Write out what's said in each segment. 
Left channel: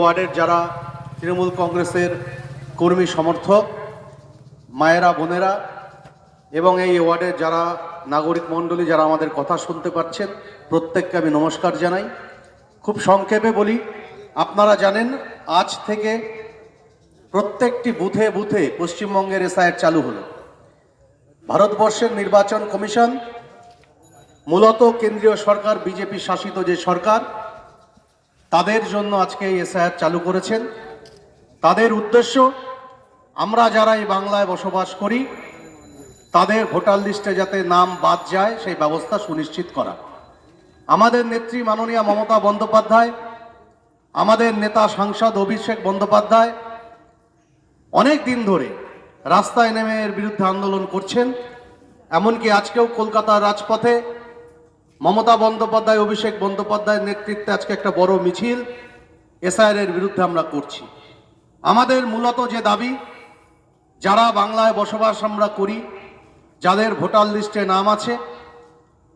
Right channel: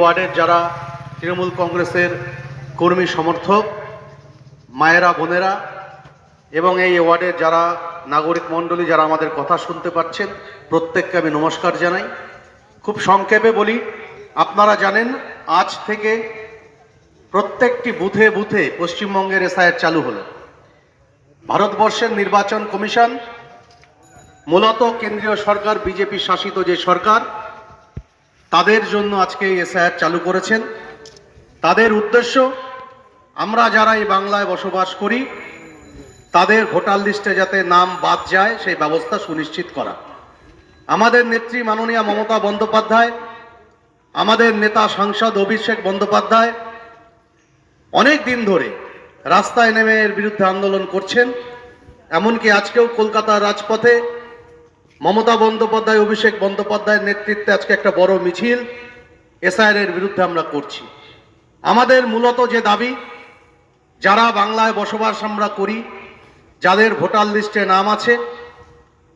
ওয়ার্ডের যারা তৃণমূল কংগ্রেসের কর্মী সমর্থক, মায়েরা, বোনেরা এবং এই ওয়ার্ডের যারা নাগরিক মণ্ডলী যারা আমাদের কথা শুনতে পাচ্ছেন, প্রত্যেককে আমি নমস্কার জানাই। খুব সংক্ষেপে বলি, আপনারা জানেন, আজ থেকে প্রত্যেকটি বুথে বুথে পশ্চিমবঙ্গের এসআইআর চালু হলো। ভারতবর্ষের নির্বাচন কমিশন, মূলত কেন্দ্রীয় সরকার, বিজেপি শাসিত যে সরকার তাদের জন্য আজকে এই এসআইআর চালু করেছেন। তাদের উদ্দেশ্য, আমরা যারা এই বাংলায় বসবাস করি, তাদের ভোটার লিস্টে যাতে নাম বাদ যায়, সেই ব্যবস্থা সুনিশ্চিত করা। আমাদের নেত্রী মাননীয় মমতা বন্দ্যোপাধ্যায়, আমাদের নেতা সাংসদ অভিষেক বন্দ্যোপাধ্যায়, অনেক দিন ধরে রাস্তায় নেমে এর বিরুদ্ধে আন্দোলন করছেন। এমনকি আজকেও কলকাতার রাজপথে মমতা বন্দ্যোপাধ্যায়, অভিষেক বন্দ্যোপাধ্যায়ের নেতৃত্বে আজকে একটা বড় মিছিল এসআইআর বিরুদ্ধে আমরা করছি। আমাদের মূলত যে দাবি, যারা বাংলায় বসবাস আমরা করি, যাদের ভোটার লিস্টে নাম আছে,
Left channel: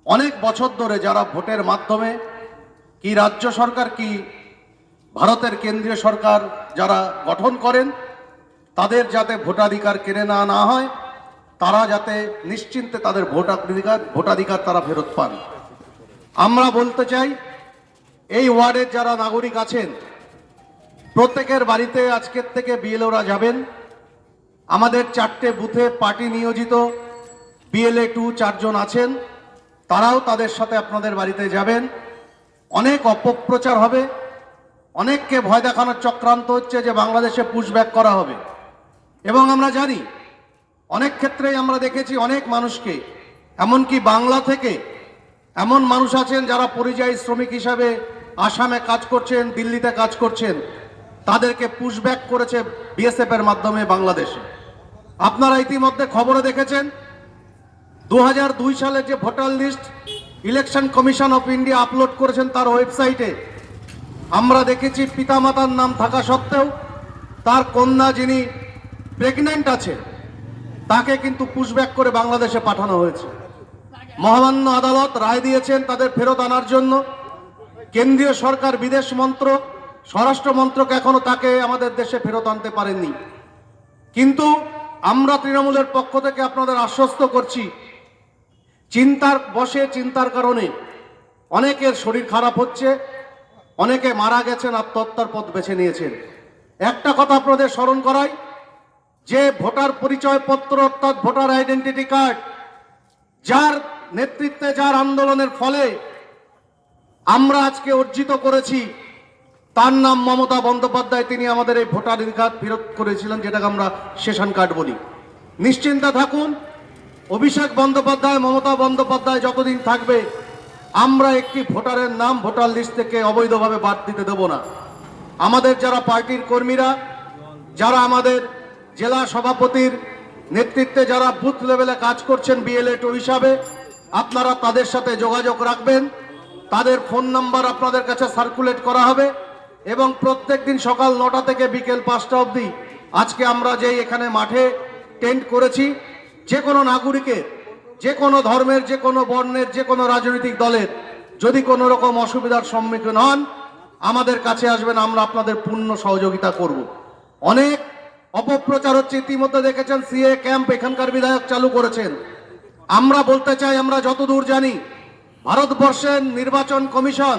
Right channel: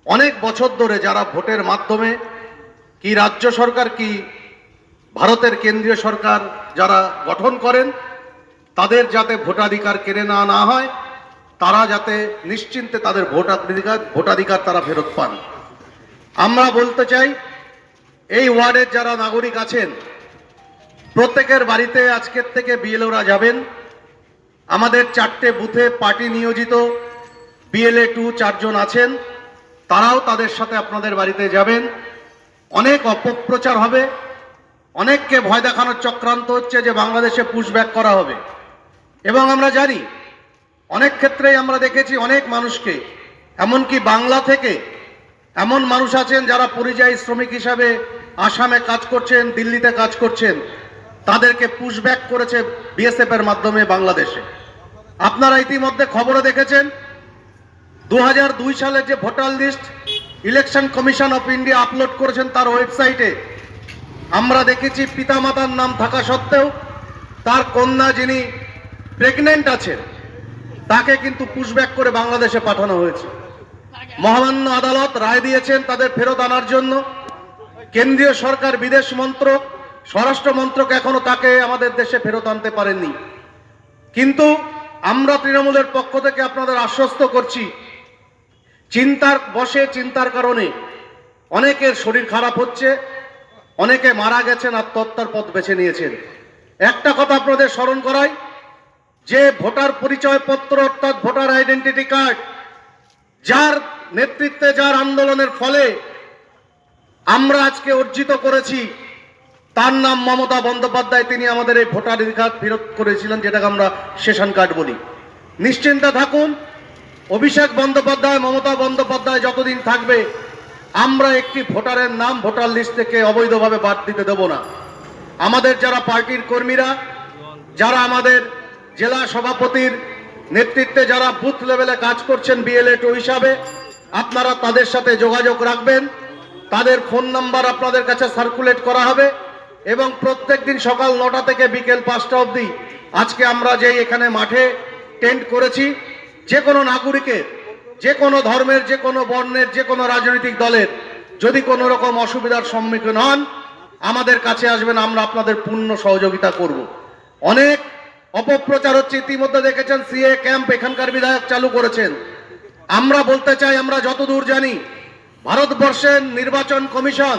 অনেক বছর ধরে যারা ভোটের মাধ্যমে কি রাজ্য সরকার, কি ভারতের কেন্দ্রীয় সরকার যারা গঠন করেন, তাদের যাতে ভোটাধিকার কেড়ে না না হয়, তারা যাতে নিশ্চিন্তে তাদের ভোটাধিকার ভোটাধিকার তারা ফেরত পান। আমরা বলতে চাই, এই ওয়ার্ডের যারা নাগরিক আছেন, প্রত্যেকের বাড়িতে আজকের থেকে বিএলওরা যাবেন। আমাদের চারটে বুথে পার্টি নিয়োজিত, বিএলএ টু চারজন আছেন, তারাও তাদের সাথে আপনাদের বাড়িতে যাবেন। অনেক অপপ্রচার হবে, অনেককে ভয় দেখানোর চক্রান্ত হচ্ছে যে বাংলাদেশে পুশব্যাক করা হবে। এবং আমরা জানি, অনেক ক্ষেত্রেই আমরা দেখেছি অনেক মানুষকে, এমনকি বাংলা থেকে এমন মানুষ আছেন যারা পরিযায়ী শ্রমিক হিসাবে আসামে কাজ করছেন, দিল্লিতে কাজ করছেন, তাদেরকে পুশব্যাক করেছে বিএসএফ এর মাধ্যমে বাংলাদেশে। আপনারা ইতিমধ্যে খবরে দেখেছেন দু দুই সালের যে voter list election commission of India upload করেছেন তার ওয়েবসাইটে আমরা দেখেছি পিতামাতার নাম থাকা সত্ত্বেও তার কন্যা যিনি প্রেগনেন্ট আছেন, তাকে কিন্তু পুশব্যাক করে বাংলাদেশে পাঠানো হয়েছে। মহামান্য আদালত রায় দিয়েছেন তাদের ফেরত আনার জন্য। কেন্দ্রীয় সরকার বিদেশ মন্ত্রক, স্বরাষ্ট্র মন্ত্রক এখনও তাকে আমাদের দেশে ফেরত আনতে পারেননি। কিন্তু আমরা তৃণমূলের পক্ষ থেকে আপনাদের আশ্বস্ত করছি, চিন্তার বসে চিন্তার কারণে। অনেকের শরীর খারাপ হচ্ছে, অনেকে মারা গেছেন, আত্মহত্যার পথ বেছে নিয়েছেন। একটা কথা আপনাদের স্মরণ করাই, যে ভোটার পরিচয়পত্র অর্থাৎ ভোটার আইডেন্টিটি কার্ড, যার নেতৃত্বে যার আন্দোলনের ফলে আমরা আজকে অর্জিত করেছি, তার নাম মমতা বন্দ্যোপাধ্যায়। তিনি আমাদের এই ভোটাধিকার ফেরত করেছিলেন, যেটাকে আমরা সেশন কার্ড বলি। নিশ্চিন্তে থাকুন, অভিষেক বন্দ্যোপাধ্যায়, মমতা বন্দ্যোপাধ্যায় যতদিন থাকবে, আমরা একটি ভোটারের নাম ভোটার লিস্ট থেকে অবৈধভাবে বাদ দিতে দেব না। আমাদের যারা পার্টির কর্মীরা, যারা আমাদের জেলা সভাপতির নেতৃত্বে যারা বুথ লেভেলে কাজ করছেন, বিএলএ টু হিসাবে আপনারা তাদের সাথে যোগাযোগ রাখবেন। তাদের ফোন নাম্বার আপনাদের কাছে সার্কুলেট করা হবে এবং প্রত্যেক দিন সকাল নটা থেকে বিকেল পাঁচটা অবধি আজকে আমরা যেই এখানে মাঠে টেন্ট করেছি, যে কোনো নাগরিকের, যে কোনো ধর্মের, যে কোনো বর্ণের, যে কোনো রাজনৈতিক দলের যদি কোনো রকম অসুবিধার সম্মুখীন হন, আমাদের কাছে আসবেন, আমরা আপনাদের পূর্ণ সহযোগিতা করব। অনেক অপপ্রচার হচ্ছে, ইতিমধ্যে দেখেছেন সিএ ক্যাম্প এখানকার বিধায়ক চালু করেছেন। আমরা বলতে চাই, আমরা যতদূর জানি ভারতবর্ষের নির্বাচন কমিশন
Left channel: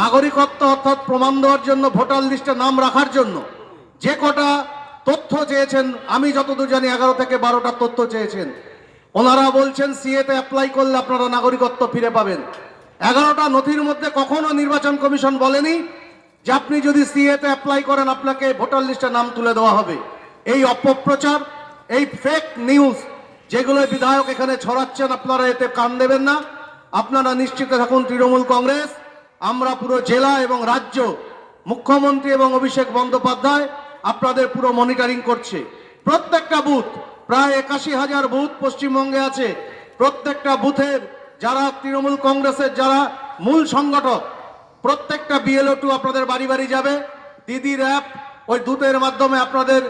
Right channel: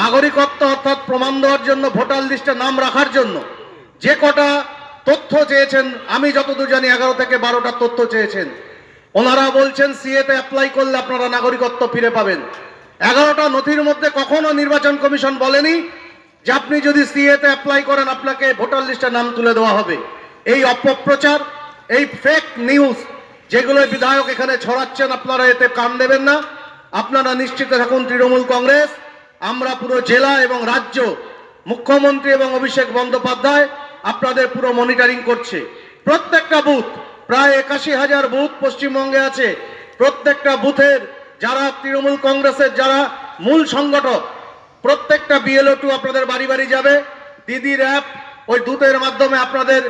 নাগরিকত্ব অর্থাৎ প্রমাণ দেওয়ার জন্য, ভোটার লিস্টে নাম রাখার জন্য যে কটা তথ্য চেয়েছেন, আমি যতদূর জানি এগারো থেকে বারোটা তথ্য চেয়েছেন। ওনারা বলছেন, সিএতে অ্যাপ্লাই করলে আপনারা নাগরিকত্ব ফিরে পাবেন। এগারোটা নথির মধ্যে কখনো নির্বাচন কমিশন বলেনি যে আপনি যদি সিএতে অ্যাপ্লাই করেন, আপনাকে ভোটার লিস্টে নাম তুলে দেওয়া হবে। এই অপপ্রচার, এই ফেক নিউজ যেগুলো বিধায়ক এখানে ছড়াচ্ছেন, আপনারা এতে কান দেবেন না। আপনারা নিশ্চিত থাকুন, তৃণমূল কংগ্রেস। আমরা পুরো জেলা এবং রাজ্য মুখ্যমন্ত্রী এবং অভিষেক বন্দ্যোপাধ্যায় আপনাদের পুরো মনিটরিং করছে। প্রত্যেকটা বুথ প্রায় একাশি হাজার বুথ পশ্চিমবঙ্গে আছে। প্রত্যেকটা বুথের যারা তৃণমূল কংগ্রেসের যারা মূল সংগঠক, প্রত্যেকটা বিএলও টু আপনাদের বাড়ি বাড়ি যাবে। দিদির অ্যাপ ওই দূতের মাধ্যমে আপনাদের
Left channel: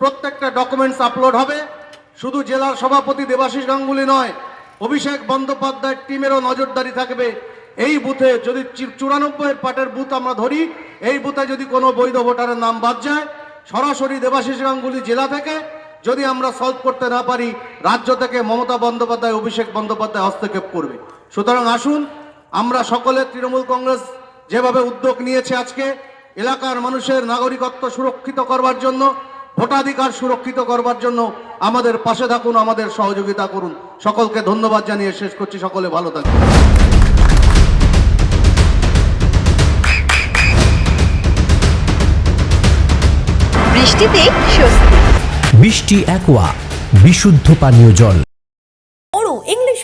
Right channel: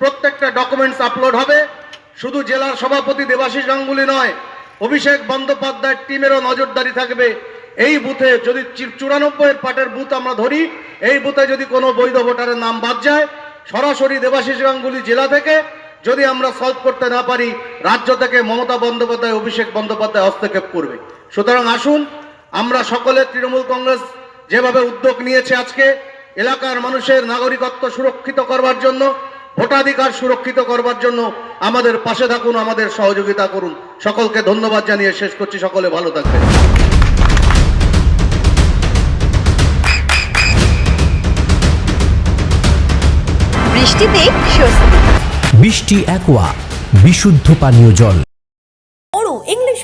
প্রত্যেকটা ডকুমেন্টস আপলোড হবে। শুধু জেলার সভাপতি দেবাশিস গাঙ্গুলি নয়, অভিষেক বন্দ্যোপাধ্যায়ের টিমেরও নজরদারি থাকবে। এই বুথে যদি চুরানব্বই পার্টের বুথ আমরা ধরি, এই বুথে যদি কোনো বৈধ ভোটারের নাম বাদ যায়, সরাসরি দেবাশিস গাঙ্গুলি জেলা থেকে যদি আমরা সলভ করতে না পারি, রাজ্য থেকে মমতা বন্দ্যোপাধ্যায়, অভিষেক বন্দ্যোপাধ্যায় হস্তক্ষেপ করবে। সুতরাং আসুন, আমরা সকলে তৃণমূল কংগ্রেস যেভাবে উদ্যোগ নিয়েছে আজকে, এলাকার মানুষের নাগরিকত্ব সুরক্ষিত করবার জন্য ভোটাধিকার সুরক্ষিত করবার জন্য আমাদের পাশে থাকুন আমাদের সহযোগিতা করুন। সকলকে ধন্যবাদ জানিয়ে শেষ করছি। সকলে ভালো থাকবেন। বৃষ্টিতে স্বস্তি। বৃষ্টি অ্যাকোয়া বিশুদ্ধ পানীয় জল।